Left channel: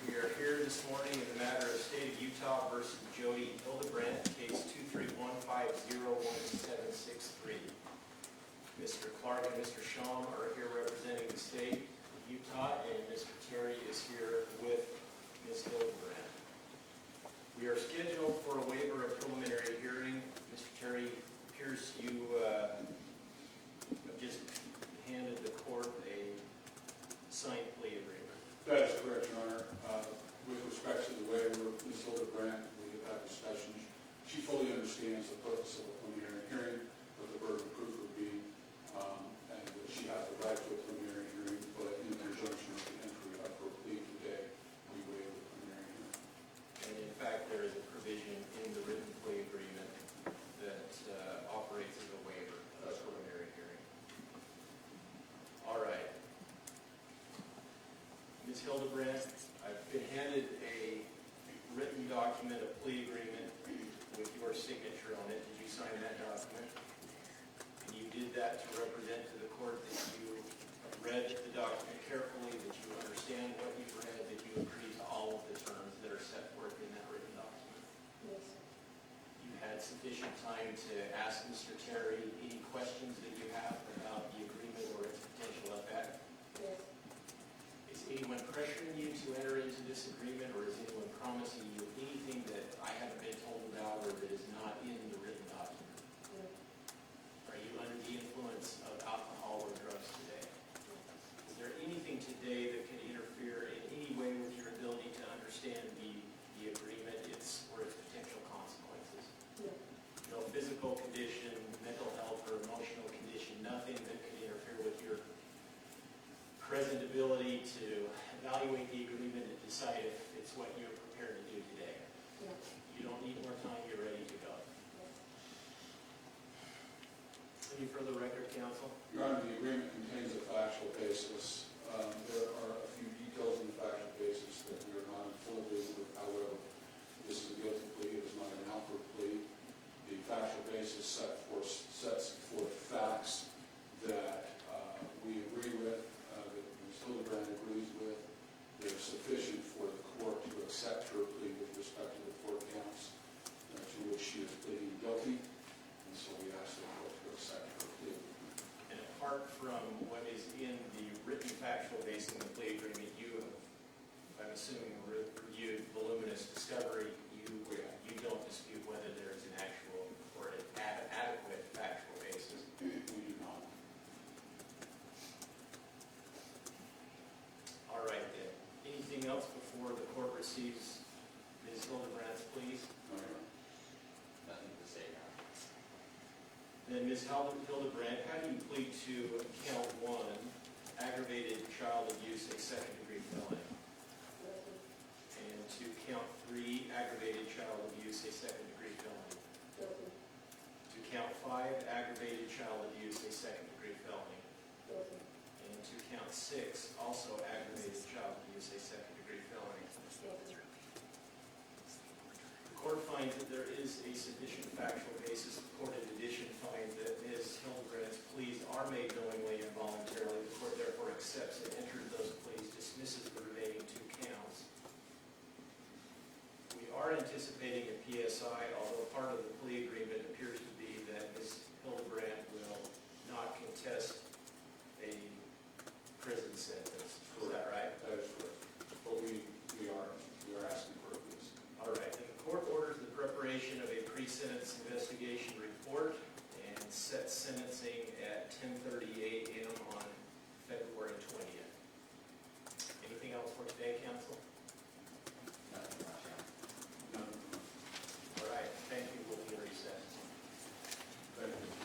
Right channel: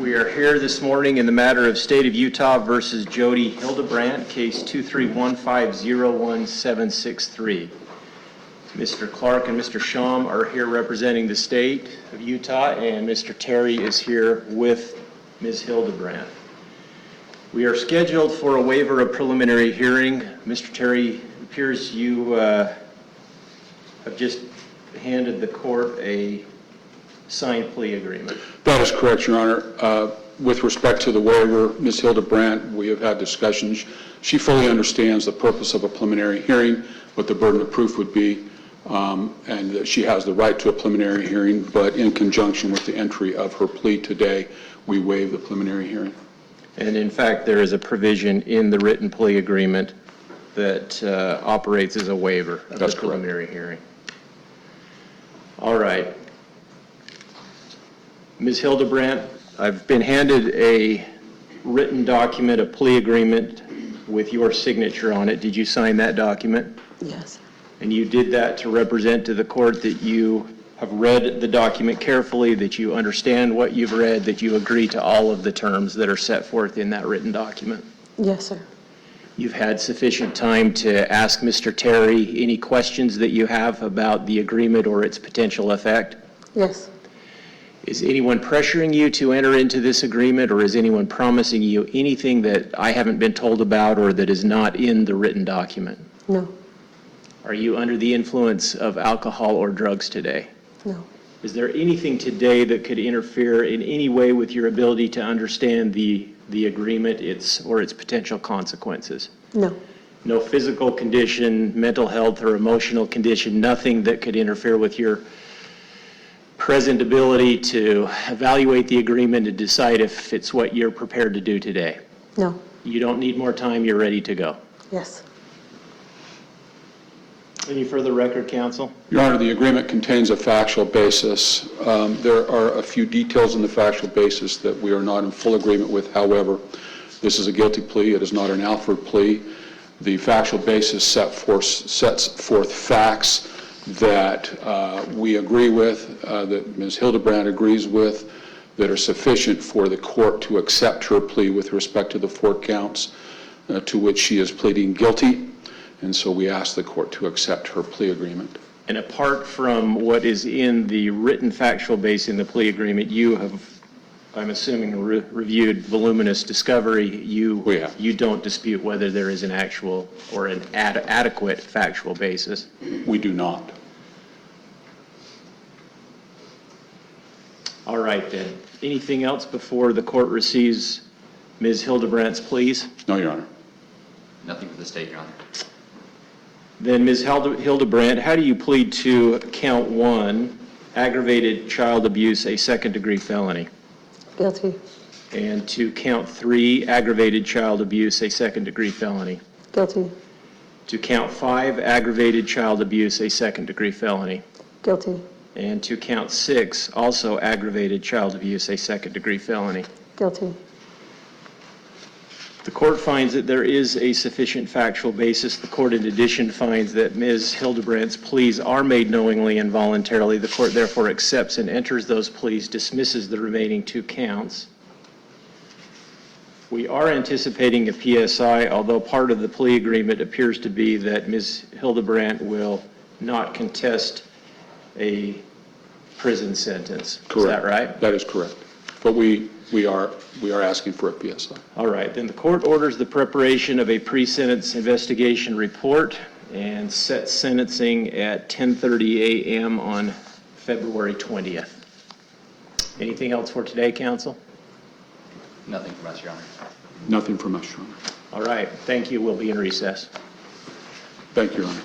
We are here this morning in the matter of State of Utah versus Jodi Hildebrandt, case 231501763. Mr. Clark and Mr. Sham are here representing the state of Utah, and Mr. Terry is here with Ms. Hildebrandt. We are scheduled for a waiver of preliminary hearing. Mr. Terry, it appears you have just handed the court a signed plea agreement. That is correct, Your Honor. With respect to the waiver, Ms. Hildebrandt, we have had discussions. She fully understands the purpose of a preliminary hearing, what the burden of proof would be, and that she has the right to a preliminary hearing, but in conjunction with the entry of her plea today, we waive the preliminary hearing. And in fact, there is a provision in the written plea agreement that operates as a waiver of the preliminary hearing. All right. Ms. Hildebrandt, I've been handed a written document, a plea agreement with your signature on it. Did you sign that document? Yes. And you did that to represent to the court that you have read the document carefully, that you understand what you've read, that you agree to all of the terms that are set forth in that written document? Yes, sir. You've had sufficient time to ask Mr. Terry any questions that you have about the agreement or its potential effect? Yes. Is anyone pressuring you to enter into this agreement, or is anyone promising you anything that I haven't been told about or that is not in the written document? No. Are you under the influence of alcohol or drugs today? No. Is there anything today that could interfere in any way with your ability to understand the agreement, its potential consequences? No. No physical condition, mental health, or emotional condition, nothing that could interfere with your present ability to evaluate the agreement and decide if it's what you're prepared to do today? No. You don't need more time, you're ready to go. Yes. Any further record, counsel? Your Honor, the agreement contains a factual basis. There are a few details in the factual basis that we are not in full agreement with. However, this is a guilty plea. It is not an Alford plea. The factual basis sets forth facts that we agree with, that Ms. Hildebrandt agrees with, that are sufficient for the court to accept her plea with respect to the 4 counts to which she is pleading guilty. And so we ask the court to accept her plea agreement. And apart from what is in the written factual base in the plea agreement, you have, I'm assuming, reviewed voluminous discovery. You don't dispute whether there is an actual or an adequate factual basis? We do not. All right, then. Anything else before the court receives Ms. Hildebrandt's pleas? No, Your Honor. Nothing for the state, Your Honor. Then, Ms. Hildebrandt, how do you plead to count 1, aggravated child abuse, a second-degree felony? Guilty. And to count 3, aggravated child abuse, a second-degree felony? Guilty. To count 5, aggravated child abuse, a second-degree felony? Guilty. And to count 6, also aggravated child abuse, a second-degree felony? Guilty. The court finds that there is a sufficient factual basis. The court, in addition, finds that Ms. Hildebrandt's pleas are made knowingly and voluntarily. The court, therefore, accepts and enters those pleas, dismisses the remaining 2 counts. We are anticipating a PSI, although part of the plea agreement appears to be that Ms. Hildebrandt will not contest a prison sentence. Correct. Is that right? That is correct. But we are asking for a PSI. All right, then the court orders the preparation of a pre-sentence investigation report and sets sentencing at 10:30 a.m. on February 20th. Anything else for today, counsel? Nothing from us, Your Honor. Nothing from us, Your Honor. All right, thank you. We'll be in recess. Thank you, Your Honor.